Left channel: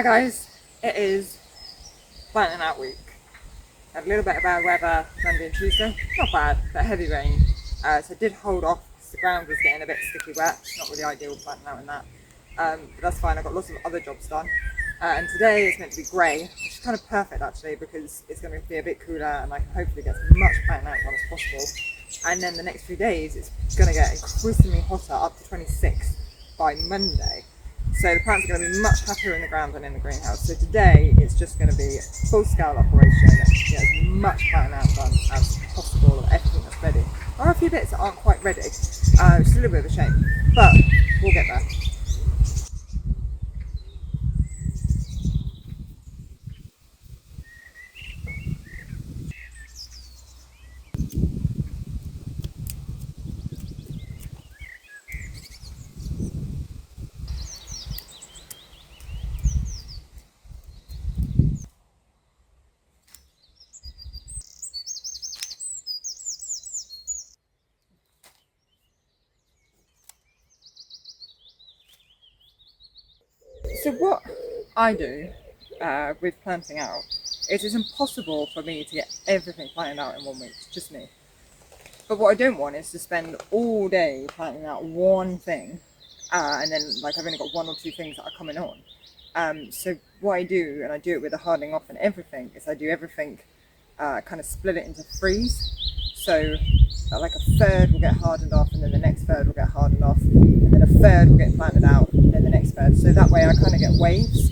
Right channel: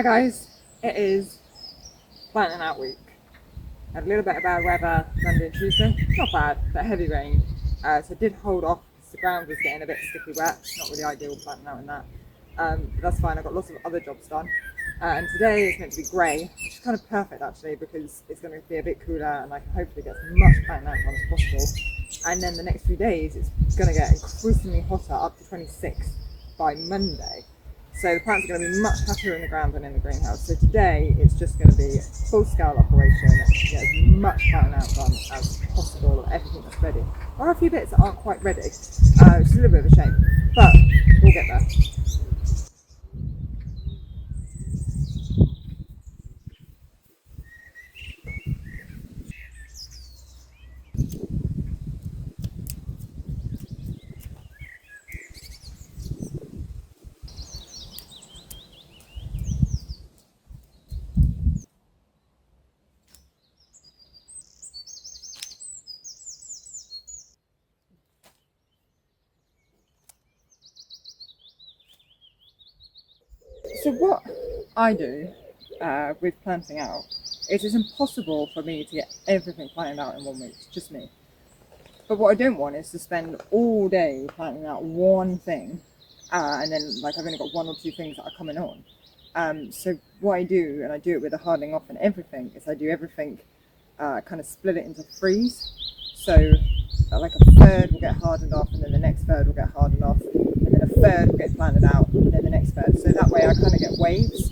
Hi guys, it is planting out week. Had a little bit of bad weather Monday and Tuesday, not bad, but heavy rain. So I did hold off because the ground was getting a bit sticky wet. Not really ideal planting out in that, but that's fine. I got lots of other jobs done. And today it's meant to be grey, which is kind of perfect actually because it's going to be a bit cooler and I can hopefully get as much planting out done as possible. And then the next few days it's going to get increasingly hotter, up to 26 by Monday. So the plants are going to be much happier in the ground than in the greenhouse. So today it's just going to be full scale operation, get as much planting out done as possible of everything that's ready. There are a few bits that aren't quite ready, which is a little bit of a shame, but we'll get there. So what I do with planting out is it's impossible for me to get everything planted out in 1 week, just me. But what I don't want is to spend all day planting out one thing and then like I've only got one or two things that are coming on. So what I do, and I do it with the hardening off and everything, is I do everything kind of split it into threes. So like a third will get hardened off and then the next third will get hardened off and then a third will get planted out and then the next third. So that way I kind of get waves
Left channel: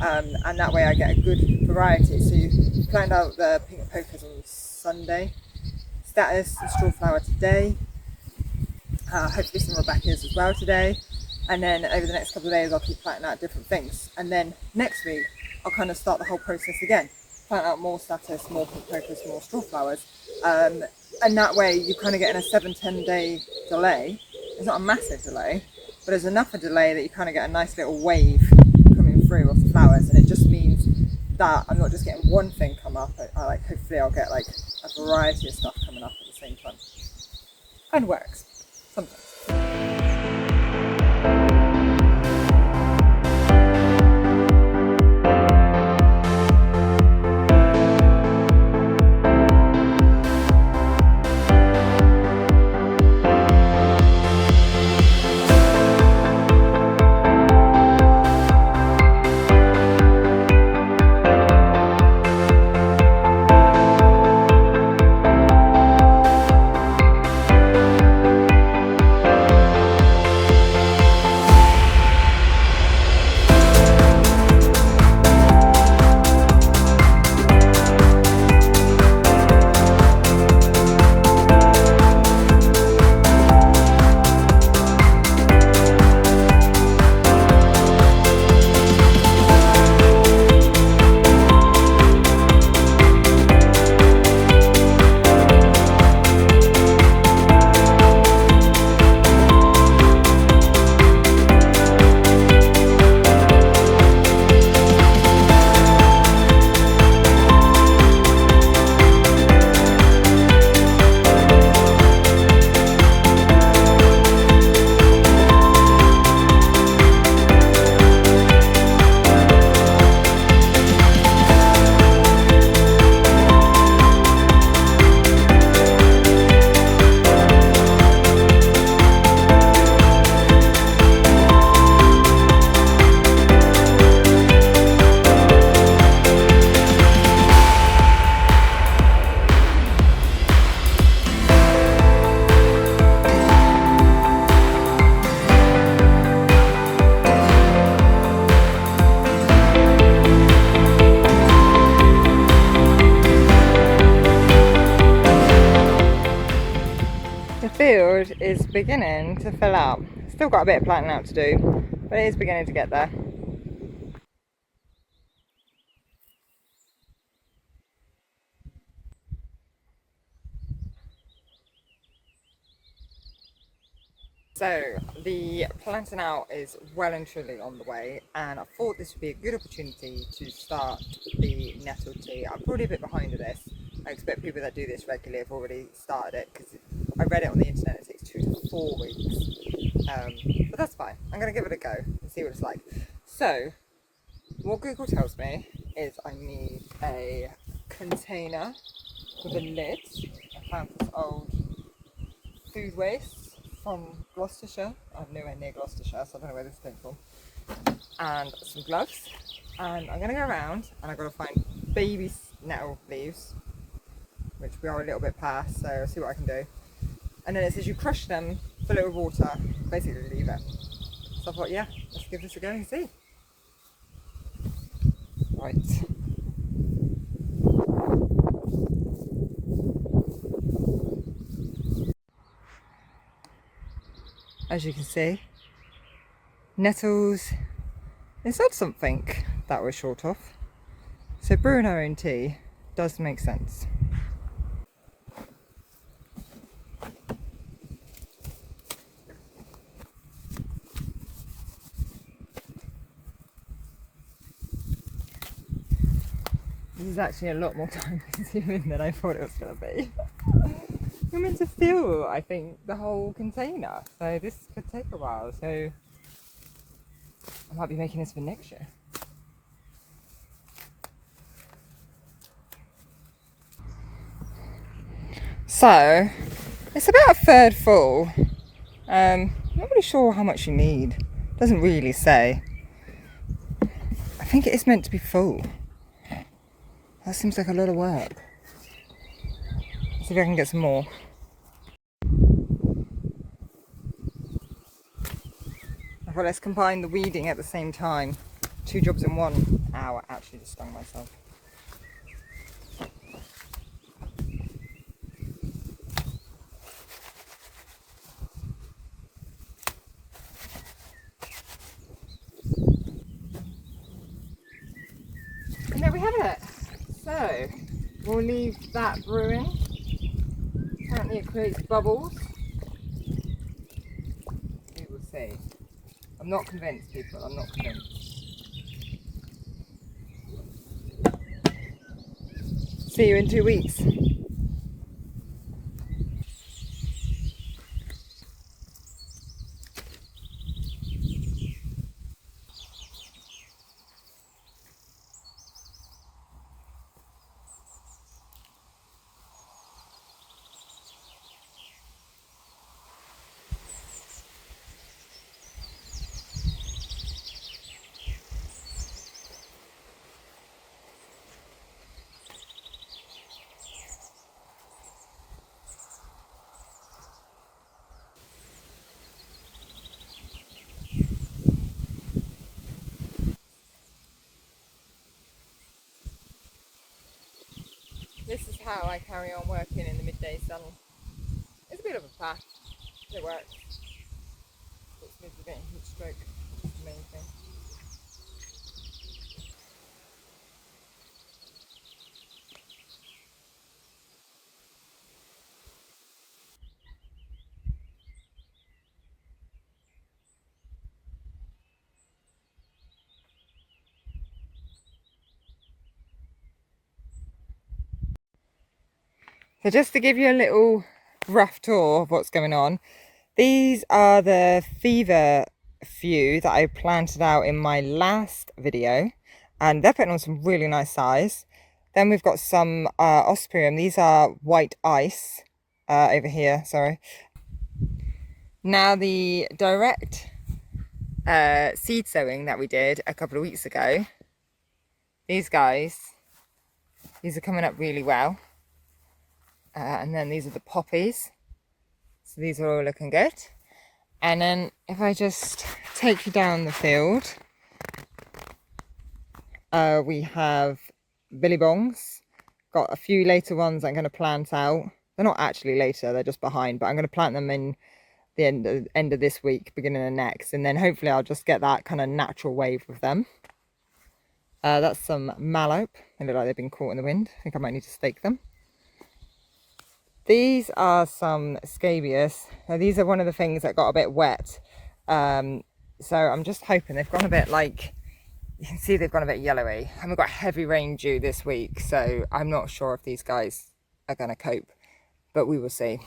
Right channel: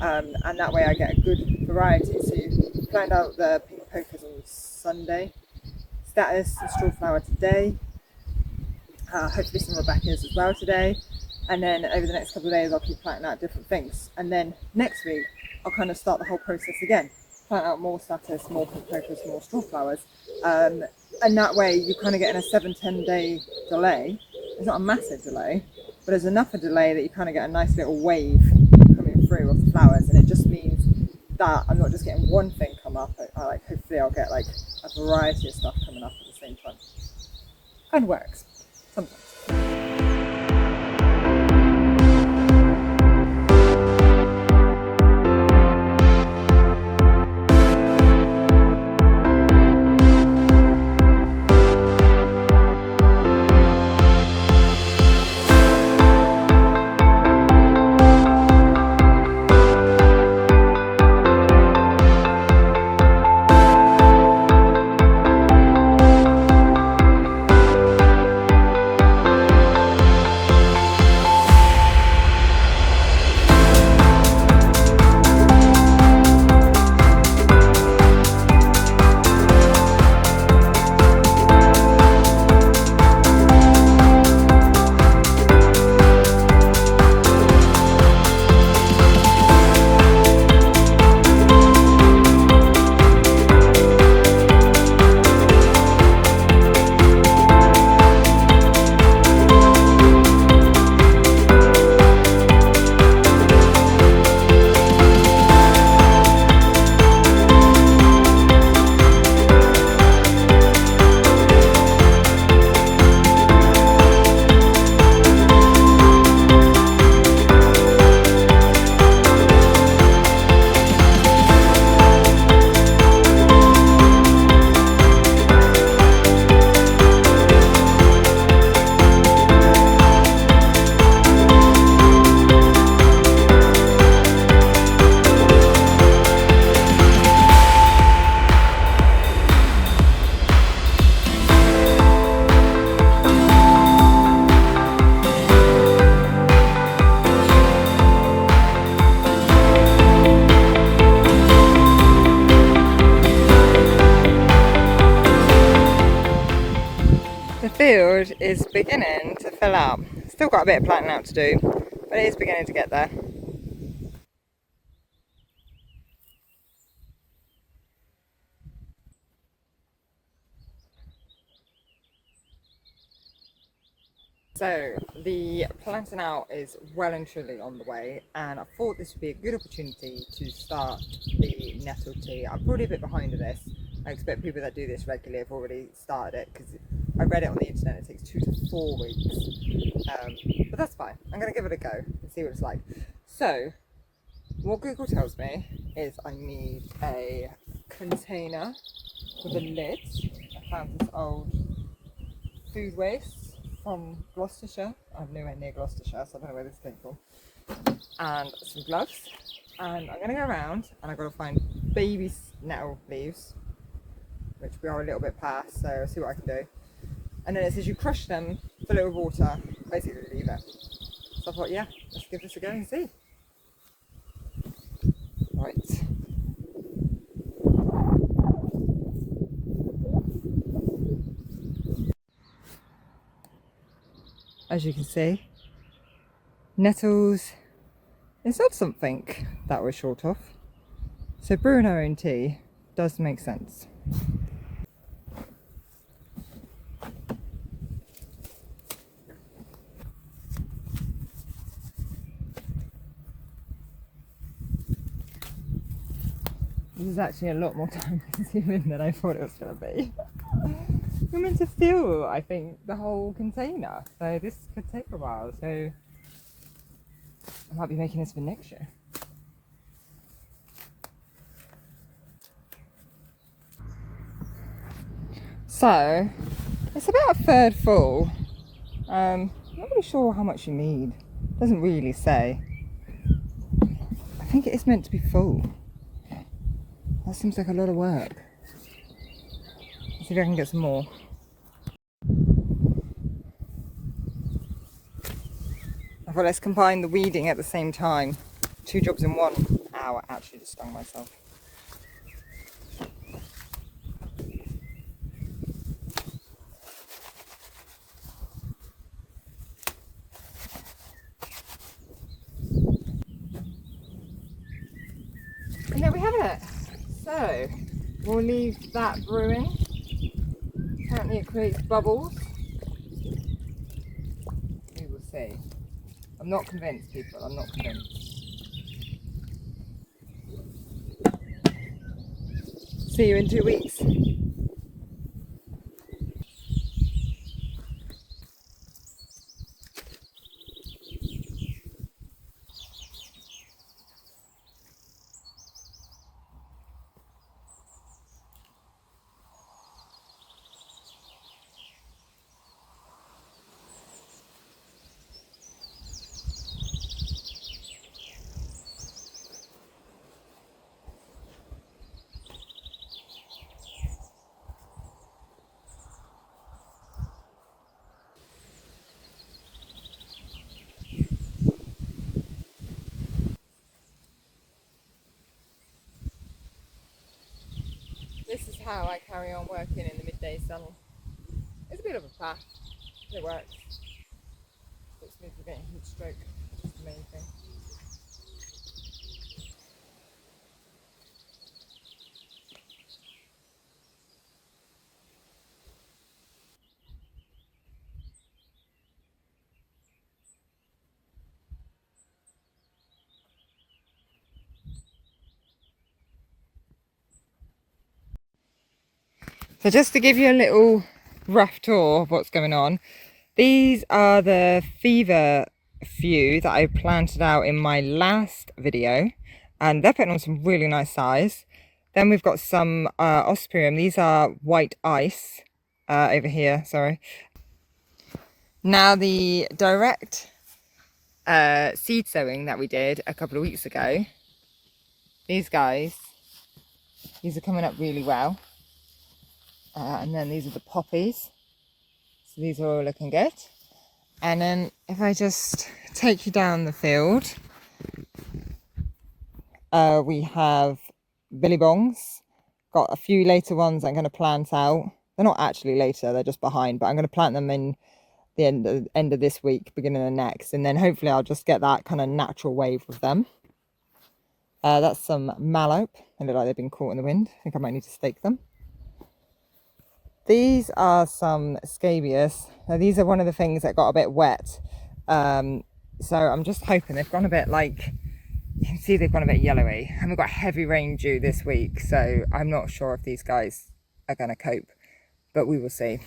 and that way I get a good variety. So you plant out the pink pokas on Sunday, statice and strawflower today, hopefully some rudbeckias as well today, and then over the next couple of days I'll keep planting out different things, and then next week I'll kind of start the whole process again, plant out more statice, more pink pokas, more strawflowers, and that way you kind of get in a 7-10 day delay. It's not a massive delay, but there's enough a delay that you kind of get a nice little wave coming through of the flowers, and it just means that I'm not just getting one thing come up. Hopefully I'll get like a variety of stuff coming up at the same time. Kind of works sometimes. The field is beginning to fill up. Still got a bit of planting out to do, but it is beginning to get there. So the planting out is well and truly on the way, and I thought this would be a good opportunity to start the nettle tea. I'm probably a bit behind with this. I expect people that do this regularly have already started it because I read it on the internet. It takes 2 to 4 weeks, but that's fine. I'm going to give it a go and see what it's like. So What Google tells me is I need a container with a lid. I found this old food waste from Gloucestershire. I'm nowhere near Gloucestershire, so I don't know where this came from. And some gloves. And I'm going to go around and I've got to find baby nettle leaves, which we are a little bit past, so I'll see what I can do. And then it says you crush them, fill it with water, basically leave it. So I thought, yeah, let's give this a go and see. Right. As you can see, nettles is that something that we're short of. So brewing our own tea does make sense. This is actually a lot more time consuming than I thought it was going to be. We're meant to fill, I think, the whole container, so this could take a while, so I might be making this for next year. So, it's about a third full. Not really sure how much you need. Doesn't really say. I think it is meant to be full. That seems like a lot of work. Let's see if I can get some more. I thought let's combine the weeding at the same time. 2 jobs in one. Ow, I actually just stung myself. And there we have it. So, we'll leave that brewing. Apparently it creates bubbles. We will see. I'm not convinced, people, I'm not convinced. See you in 2 weeks. This is how I carry on working in the midday sun. It's a bit of a faff, but it works. Stops me from getting heat stroke, which is the main thing. So just to give you a little rough tour of what's going on, these are the fever few that I planted out in my last video, and they're putting on some really nice size. Then we've got some ospeum. These are white ice over here, sorry. Now the direct seed sowing that we did a couple of weeks ago, these guys, these are coming up really well. And then these are the poppies. So these are all looking good. And then if I just take you down the field, we have billy bongs. Got a few later ones I'm going to plant out. They're not actually later, they're just behind, but I'm going to plant them in the end of this week, beginning of next, and then hopefully I'll just get that kind of natural wave with them. That's some mallow. They look like they've been caught in the wind. I think I might need to stake them. These are some scabious. Now these are one of the things that got a bit wet. So I'm just hoping they've gone a bit like, you can see they've gone a bit yellowy. And we've got heavy rain due this week, so I'm not sure if these guys are going to cope, but we will see.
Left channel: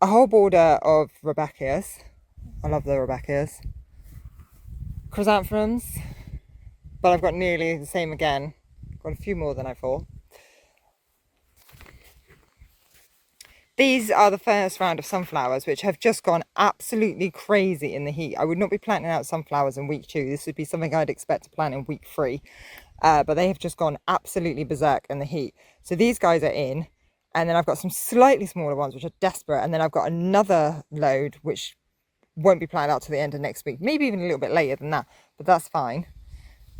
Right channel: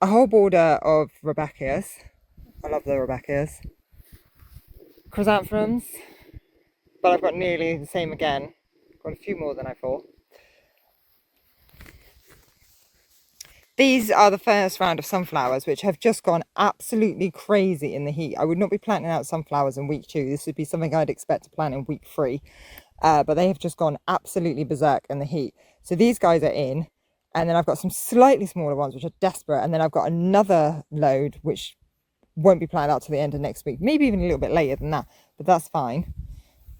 A whole border of rudbeckias. I love the rudbeckias. chrysanthemums, but I've got nearly the same again. Got a few more than I thought. These are the first round of sunflowers, which have just gone absolutely crazy in the heat. I would not be planting out sunflowers in week 2. This would be something I'd expect to plant in week 3. But they have just gone absolutely berserk in the heat. So these guys are in. And then I've got some slightly smaller ones, which are desperate. And then I've got another load, which won't be planted out to the end of next week. Maybe even a little bit later than that. But that's fine.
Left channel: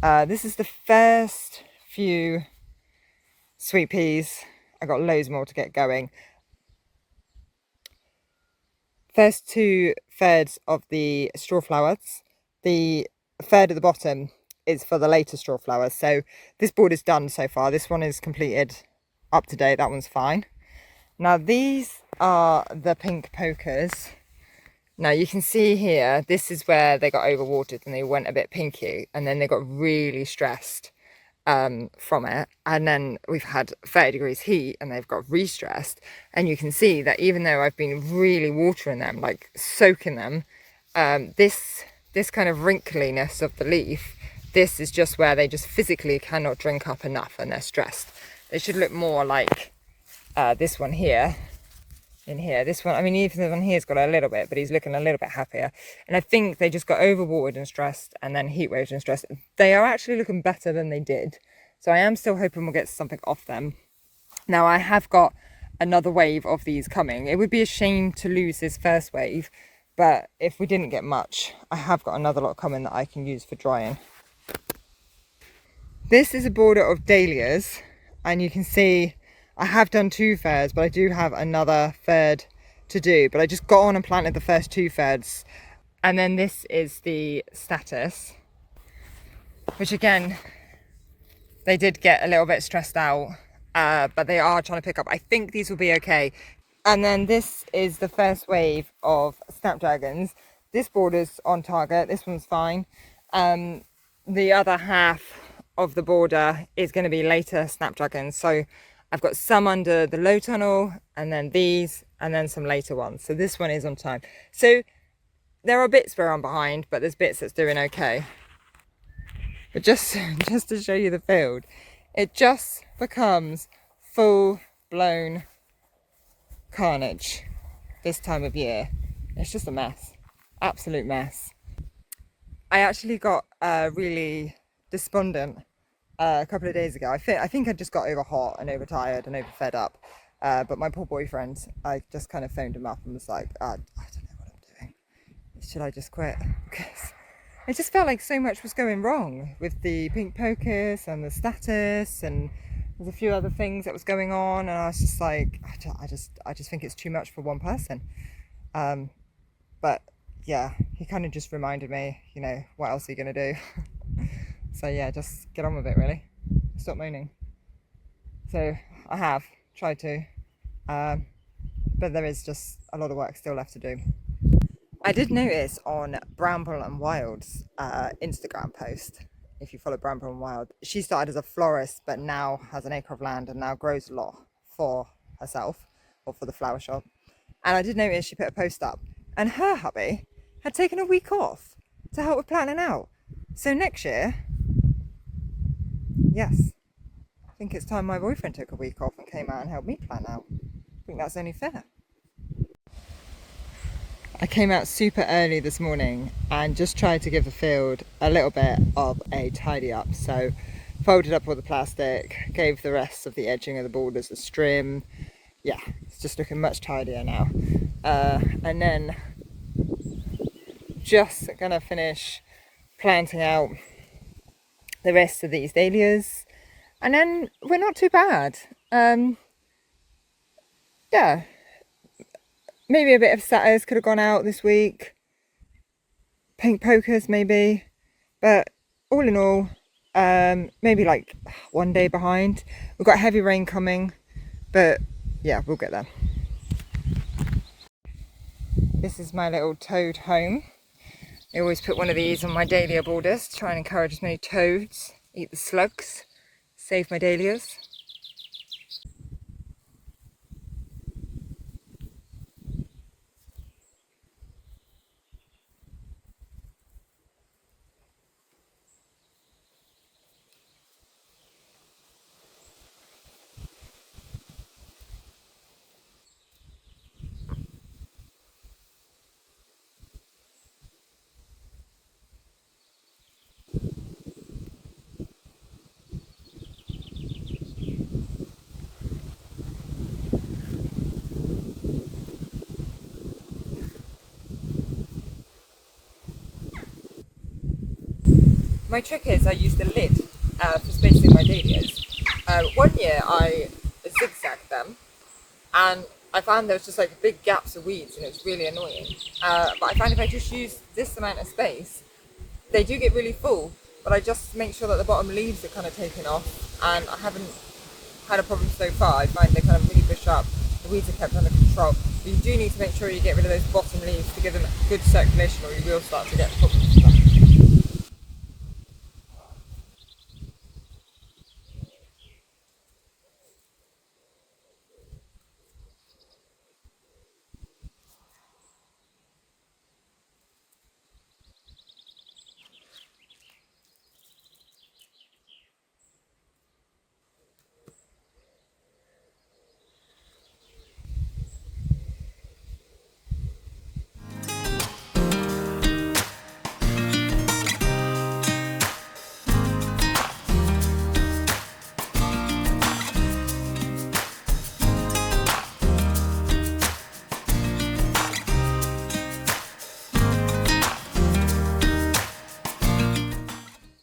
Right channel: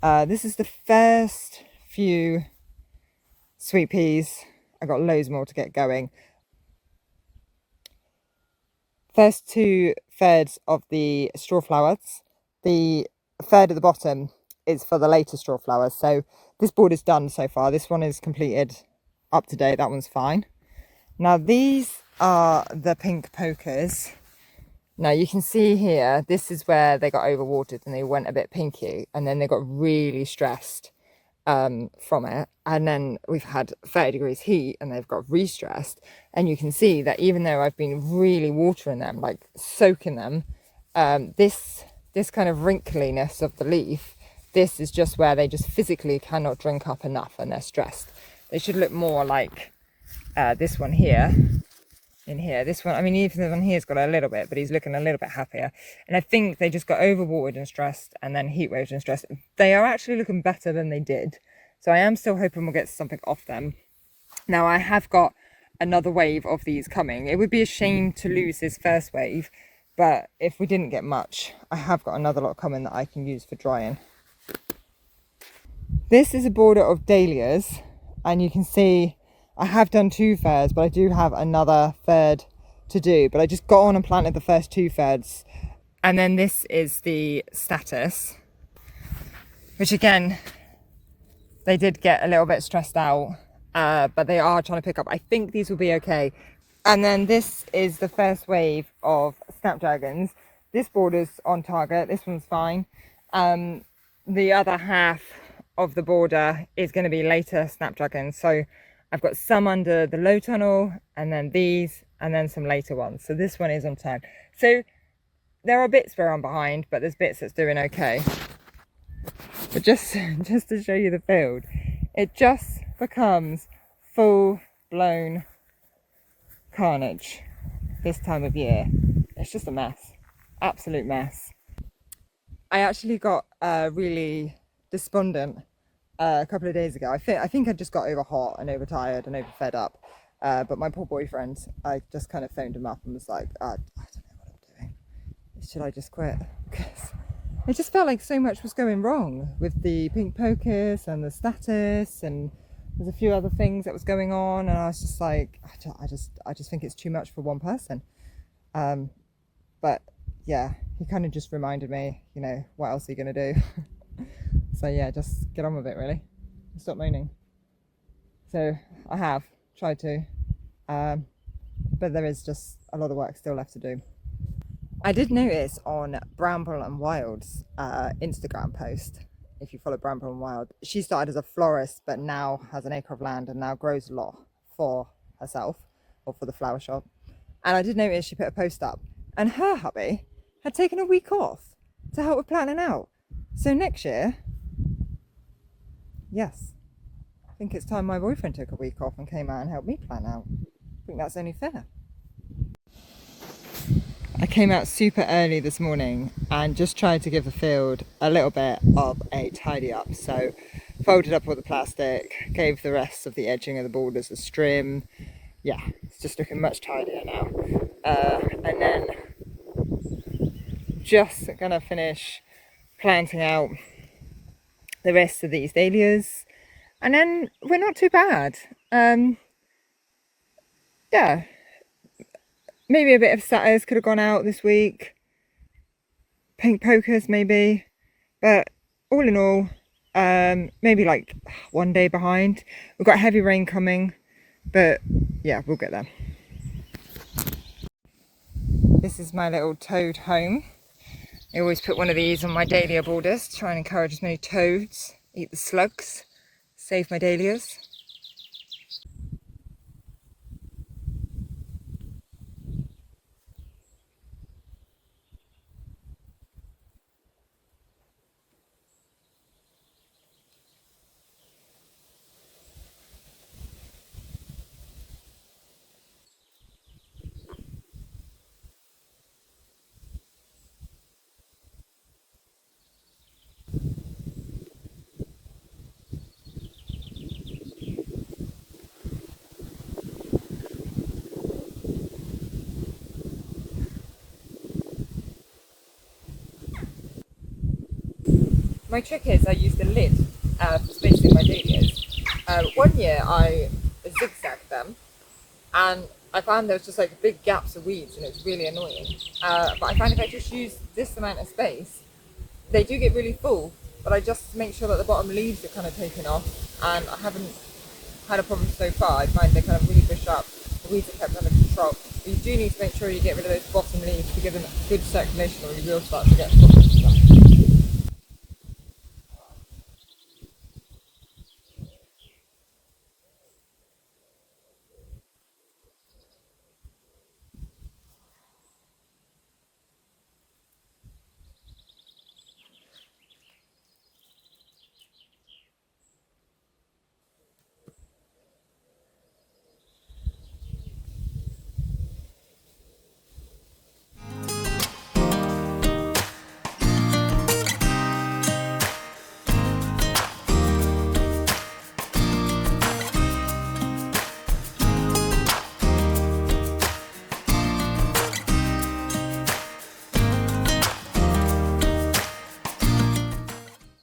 This is the first few sweet peas. I've got loads more to get going. First 2/3 of the strawflowers. The third at the bottom is for the later strawflowers. So this board is done so far. This one is completed, up to date. That one's fine. Now these are the pink pokers. Now you can see here, this is where they got overwatered and they went a bit pinky, and then they got really stressed from it, and then we've had 30 degrees heat and they've got re-stressed, and you can see that even though I've been really watering them, like soaking them, this kind of wrinkliness of the leaf, this is just where they just physically cannot drink up enough and they're stressed. They should look more like this one here. In here, this one, I mean, even this one here's got a little bit, but he's looking a little bit happier. And I think they just got overwatered and stressed, and then heat waves and stressed. They are actually looking better than they did. So I am still hoping we'll get something off them. Now I have got another wave of these coming. It would be a shame to lose this first wave, but if we didn't get much, I have got another lot coming that I can use for drying. This is a border of dahlias, and you can see I have done 2/3, but I do have another third to do. But I just got on and planted the first 2/3. And then this is the statice, which again, they did get a little bit stressed out, but they are trying to pick up. I think these will be okay. And then this is the first wave of snapdragons. This border's on target. This one's fine. The other half of the border is going to be later snapdragons. So I've got some under the low tunnel, and then these, and then some later ones. So this one is on time. So there are bits where I'm behind, but there's bits that's doing okay. But just to show you the field, it just becomes full-blown carnage this time of year. It's just a mess, absolute mess. I actually got really despondent a couple of days ago. I think I just got over hot and overtired and overfed up. But my poor boyfriend, I just kind of phoned him up and was like, I don't know what I'm doing. Should I just quit? Because it just felt like so much was going wrong with the pink pocus and the statice, and there's a few other things that was going on, and I was just like, I just think it's too much for one person. But yeah, he kind of just reminded me, you know, what else are you going to do? So yeah, just get on with it, really. Stop moaning. So I have tried to, but there is just a lot of work still left to do. I did notice on Bramble and Wild's Instagram post, if you follow Bramble and Wild, she started as a florist, but now has an acre of land and now grows a lot for herself or for the flower shop. And I did notice she put a post up, and her hubby had taken a week off to help with planting out. So next year, yes, I think it's time my boyfriend took a week off and came out and helped me plant out. I think that's only fair. I came out super early this morning and just tried to give the field a little bit of a tidy up. So folded up all the plastic, gave the rest of the edging of the borders a trim. Yeah, it's just looking much tidier now. And then just gonna finish planting out the rest of these dahlias, and then we're not too bad. Yeah, maybe a bit of statice could have gone out this week, pink pocus maybe, but all in all, maybe like one day behind. We've got heavy rain coming, but yeah, we'll get there. This is my little toad home. I always put one of these on my dahlia borders to try and encourage as many toads, eat the slugs, save my dahlias. my trick is I use the lid for spacing my dahlias. One year I zigzagged them, and I found there was just like big gaps of weeds, and it's really annoying. But I find if I just use this amount of space, they do get really full, but I just make sure that the bottom leaves are kind of taken off, and I haven't had a problem so far. I find they kind of really bush up, the weeds are kept under control. But you do need to make sure you get rid of those bottom leaves to give them good circulation, or you will start to get full.